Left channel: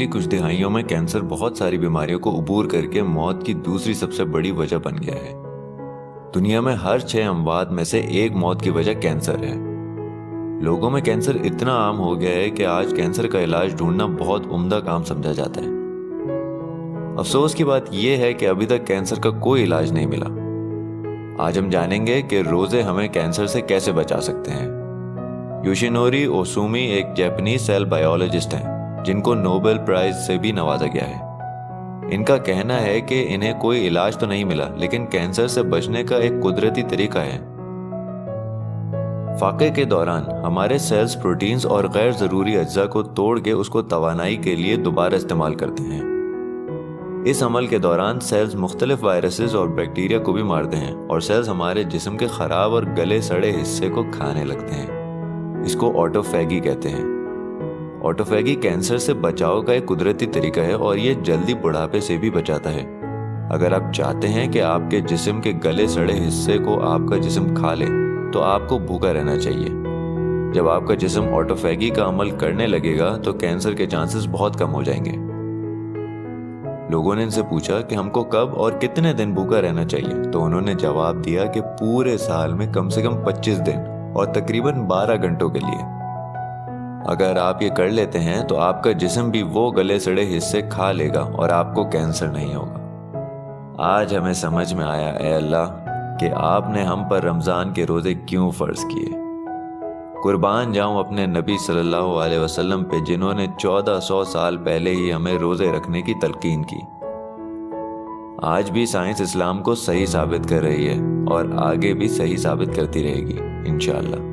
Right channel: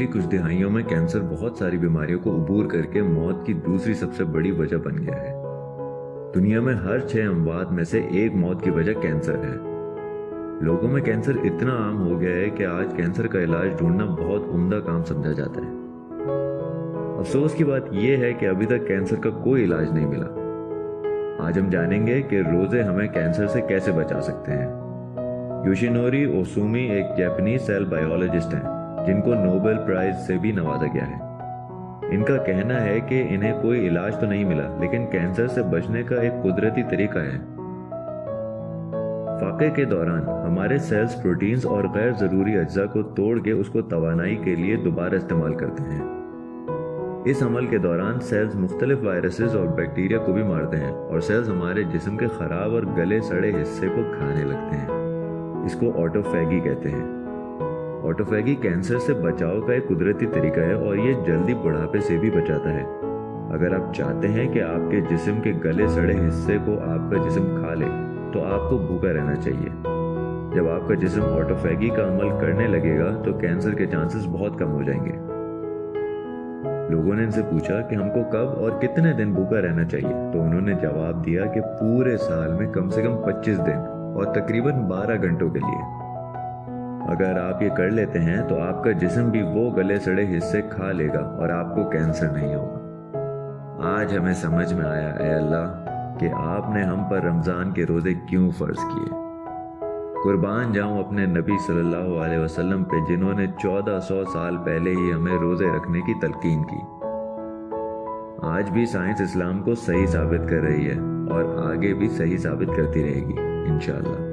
पिछली कुछ दिहाइयों में कैंसर बहुत सारी बीमारियों को अबूर करके मौत की दूसरी सबसे बड़ी वजह बन गया है। दुनिया में हर 6 अमवात में से एक मौत की वजह कैंसर है। लोगों में कैंसर इतना आम हो गया है कि आज कैंसर का इलाज ढूंढना बहुत उम्दा काम समझा जाता है। अफसोस की बात यह है कि अभी तक कैंसर का कोई इलाज नहीं मिला। आज हम जानेंगे कि रोजे हमें कैंसर से कैसे बचा सकते हैं। योशिनोरी ओसुमी एक जापानीज सेल बायोलॉजिस्ट हैं जिनको नोबेल प्राइज से भी नवाजा गया है। इनका कहना है कि इन्हें कोई इलाज तो नहीं मिला, लेकिन कैंसर से बचने का एक कुदरती तरीका है। फाके के दौरान हमारे सेल्स प्रोटीन्स और गैर जरूरी अज्जा को तोड़ के उसको तवानाई के लिए दोबारा इस्तेमाल करते हैं। इस अमल के दौरान सेल्स मुख्तलिफ वायरसेस और बैक्टीरिया को भी मारते हैं और सेल्स हमारे जिस्म के खराब और गले सड़े हिस्से को खाने लगते हैं। इसको ऑटोफैगी कहते हैं। ऑटोफैगी कैंसर से बचाव का एक कुदरती तरीका है और ये जल्दी बुढ़ापे से भी बचाता है। अगर आप चाहते हैं कि आपके जिस्म के गले सड़े हिस्से को आपका जिस्म खा ले तो आपको भूखा रहना चाहिए। जब आपका जिस्म ऑटोफैगी का अमल करने लगेगा तो कैंसर के चांसेस बहुत कम हो जाएंगे। लोगों ने इनसे पूछा कि हमको कब और कितने दिन भूखा रहना चाहिए, तो उन्होंने जवाब दिया कि पूरे साल में कम से कम 25 दिन और तकरीबन 12 घंटों के लिए। अगर आप ये कर लेते हैं तो आपका जिस्म भी वो गले सड़े हिस्से खा लेगा और आपको कैंसर नहीं होगा। आज हमें समझ में आया ऐ अल्लाह कि आपने हम पर रमज़ान के रोज़े क्यों फ़र्ज़ किए। कुर्बान जाऊं अपने नबी सल्लल्लाहु अलैहि वसल्लम पे जिन्होंने 1400 साल पहले ही हमें रोज़े रखने की तलकीन की। आज भी साइंस इस्लाम को सही साबित कर रही है और आगे भी सही साबित करती रहेगी इंशाअल्लाह।